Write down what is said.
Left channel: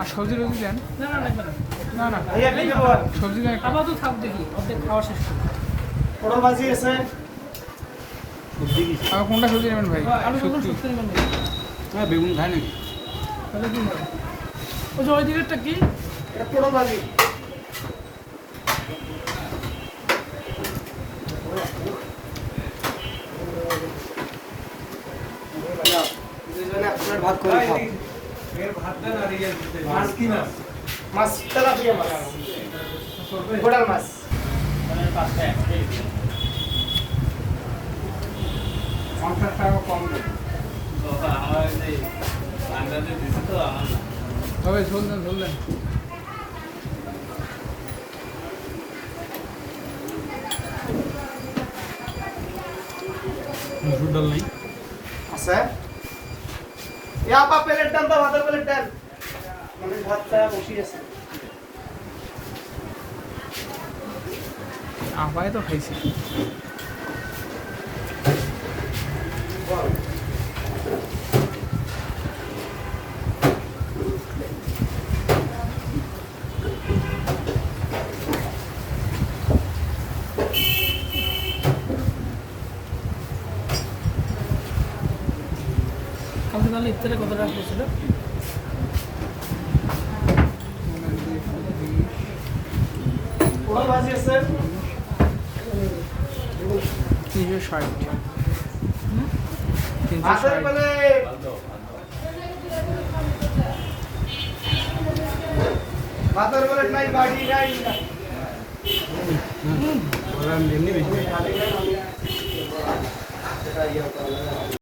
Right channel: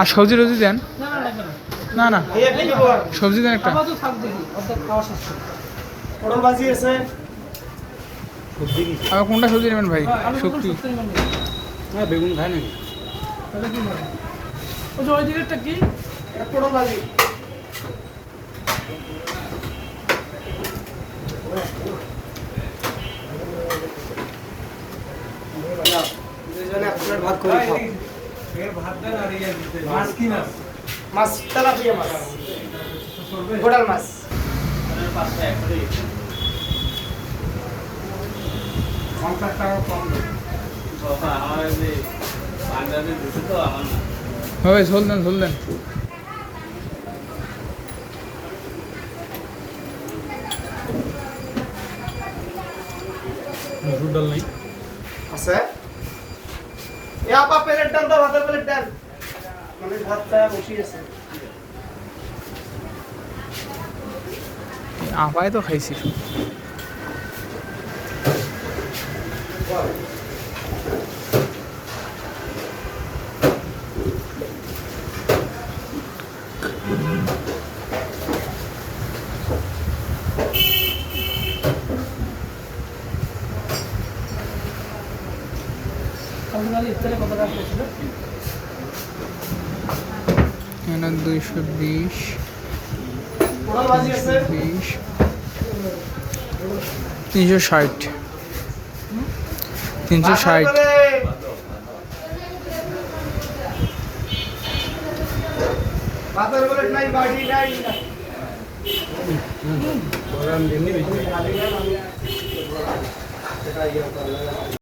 আর সবজি রোজি দেন না না সবজি দেন একটা আর কোনটা সবজি নেবেন ভাই শুক্তি বেগুন খায় নাকি ওই দিকেরটা কি পটল ভাজি ভাত করে খাও মাছ কি মাছ মাছ তেলাপিয়া মাছ গোটাল মাছ হবে ঝোল দেন ঝোল দেন মসুর ডাল নেই আছে এ আপা প্লেট ডাল দাও ভাতের প্লেট ডাল মানে ভাতটা বসি আছে আপায় তো খাইছি কমলালি ইফতারে কত টাকা ছিল 220 পটল ভাজি আছে 360 ভাতের প্লেট নাই বাটি নাই এমনি বেশি